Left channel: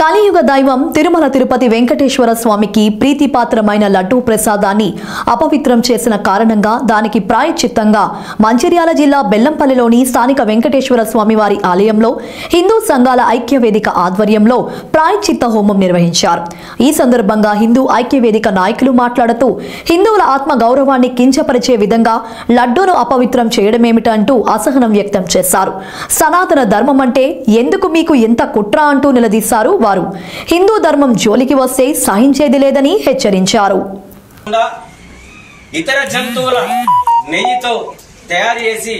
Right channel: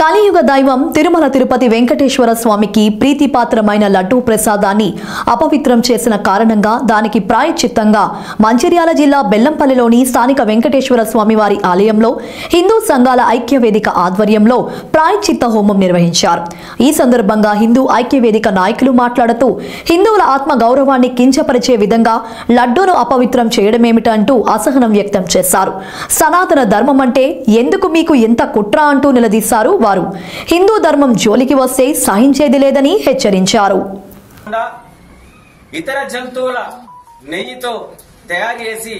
కలియుగ దైవం తిరుమల తిరుపతి వెంకటేశ్వర స్వామికి ప్రీతిపాత్రమైన లడ్డూ ప్రసాదాన్ని అపవిత్రం చేసిన కారణంగా దానికి ప్రాయశ్చిత్తంగా మంచిర్యాల జిల్లా బెల్లంపల్లిలోని స్థానిక వెంకటేశ్వర స్వామివారి ఆలయంలో హిందూ సంఘాల ఐక్యవేదిక ఆధ్వర్యంలో ప్రాయశ్చిత్త హోమం నిర్వహించారు. ఈ సందర్భంగా హిందూ ఐక్యవేదిక నాయకులు మాట్లాడుతూ హిందువుల ఆత్మ గౌరవాన్ని కించపరిచే విధంగా లడ్డూను అపవిత్రం చేయడమేమిటంటూ అసహనం వ్యక్తం చేశారు. సనాతన ధర్మం అంటే ఎందుకు మీకు ఎంత కుట్ర అంటూ నిలదీశారు. వారు హిందూ ధర్మం జోలికి వస్తే సహించేది లేదని హెచ్చరించారు. ఇతర జంతువుల నెయ్యితో తయారు చేసి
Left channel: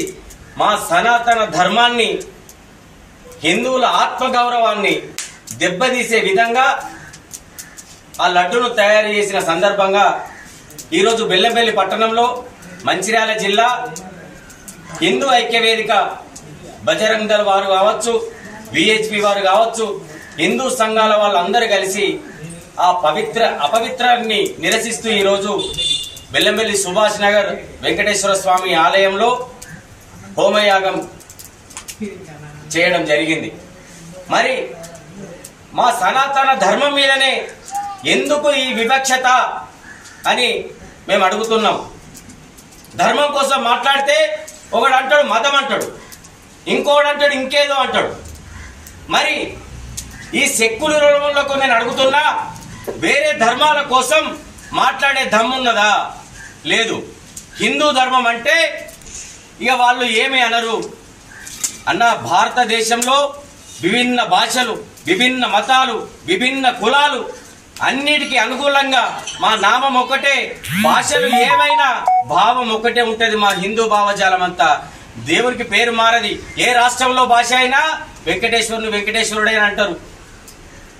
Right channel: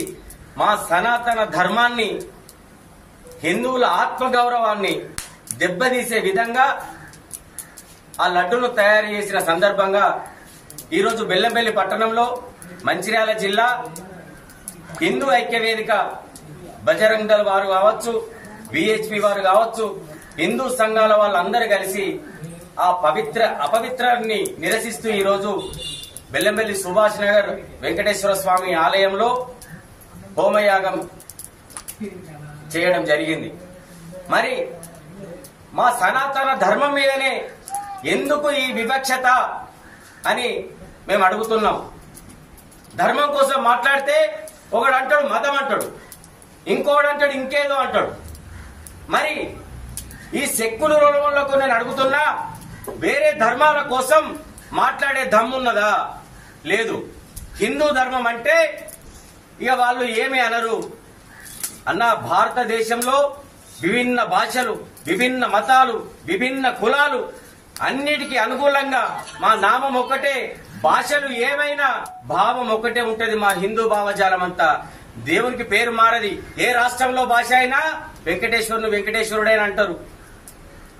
మా సనాతన ధర్మాన్ని హిందువుల ఆత్మగౌరవాన్ని దెబ్బతీసే విధంగా ఆ లడ్డును తయారు చేసిన సందర్భంగా ఈరోజు బెల్లంపల్లి పట్టణంలో మంచిర్యాల జిల్లా హిందూ ఐక్యవేదిక బజరంగ్ దళ్ వారు కావచ్చు, విహెచ్పి వారు కావచ్చు, హిందూ సంఘాల వాళ్ళందరూ కలిసి ఆ అపవిత్రాన్ని నిరసిస్తూ ఈరోజు బెల్లంపల్లి సుభాష్ నగర్ వెంకటేశ్వర స్వామి ఆలయంలో హోమయాగం చేయడం జరిగింది. మరి మా సనాతన ధర్మం మీదనే ఎందుకు ఈ వివక్షత అని మేము అడుగుతున్నాం. ధర్మం కోసం మాట్లాడితే ఒకడు అంటాడు మతం అంటాడు, ఇంకోడు అంటాడు ఇంకేదో అంటాడు. మరి ఈ సెక్యులర్లకు నేను అడుగుతున్నా, వేరే ధర్మాల కోసం మాట్లాడే దమ్మున్నదా? లేదు. హిందూ ధర్మం అంటే ఇక వాళ్ళు ఏమి అనరు అన్న. భారతదేశంలో విభిన్న భాషలు, విభిన్న మతాలు, విభిన్న కులాలు అన్నిటికీ అనుకూలంగా మా నామం ఒక్కటే, భాషలు ఏమైనా భావం ఒక్కటే ఉంటది. మా హిందూ భావజాలం అంతా దేవునికి పేరు మారది. ఏ రాష్ట్రంలో భాష అయినా వెంకటేశ్వరుని వెంకటేశ్వరుడే అని అంటారు,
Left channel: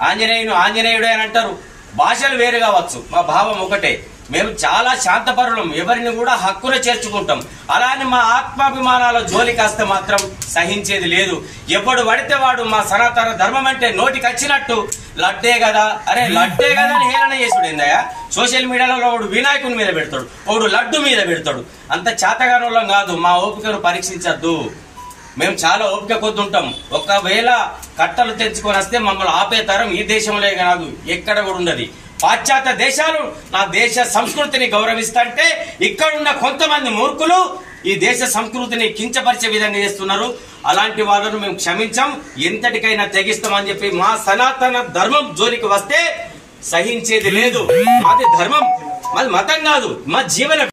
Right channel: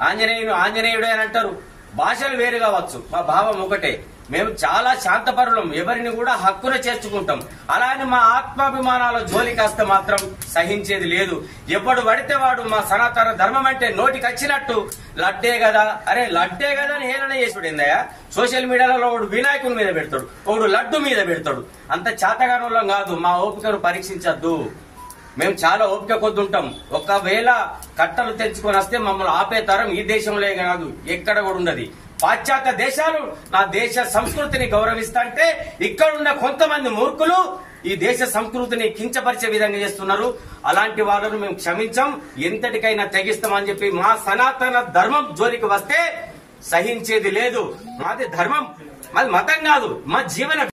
ఆంజనేయుని ఆంజనేయుడే అని అంటారు. భాషలు వేరు కావచ్చు, మా భావం ఒకటే. మేము చాలా శాంతపరులం, ఎవరిని కూడా హక్కున చేర్చుకుంటాం. అలానే మా ఆత్మాభిమానాల జోలి కాస్త మాత్రం సహించేది లేదు. ఎప్పుడు పడితే వాడు మా సనాతన ధర్మం అంటే నోటికి వచ్చినట్టు లడ్డే కదా, అరే లడ్డే కదా అని హేళన చేసుడేందయ్యా. సోషల్ మీడియాలో వాడు వినాయకుని మీద పెడతాడు, వాడు లడ్డు మీద పెడతాడు. అంత చేతగానులం కాదు. మా ఓపికను పరీక్షించద్దు. మేము చాలా ఓపిక కొద్దుంటాం. ఒకవేళ కట్టలు తెచ్చుకొని వస్తే మమ్మల్ని ఆపే తరం ఈ దేశంలో కాదు, ఎక్కడ కూడా ఉన్నది. పాశ్చాత్య దేశాలు నా దేశ సంస్కృతిని గౌరవిస్తుంటే ఇక్కడున్న కొంతమంది మూర్ఖులు ఈ దేశ సంస్కృతిని కించపరిచే విధంగా చేస్తున్నారు. అలాంటి వాళ్ళను మేము క్షమించాం, ఎంతటికైనా తెగిస్తామని చెప్పి మా సనాతన ధర్మం జోలికి వస్తే సహించేది లేదు. మాది ధర్మం, మాది మతం కాదు, మా జీవన.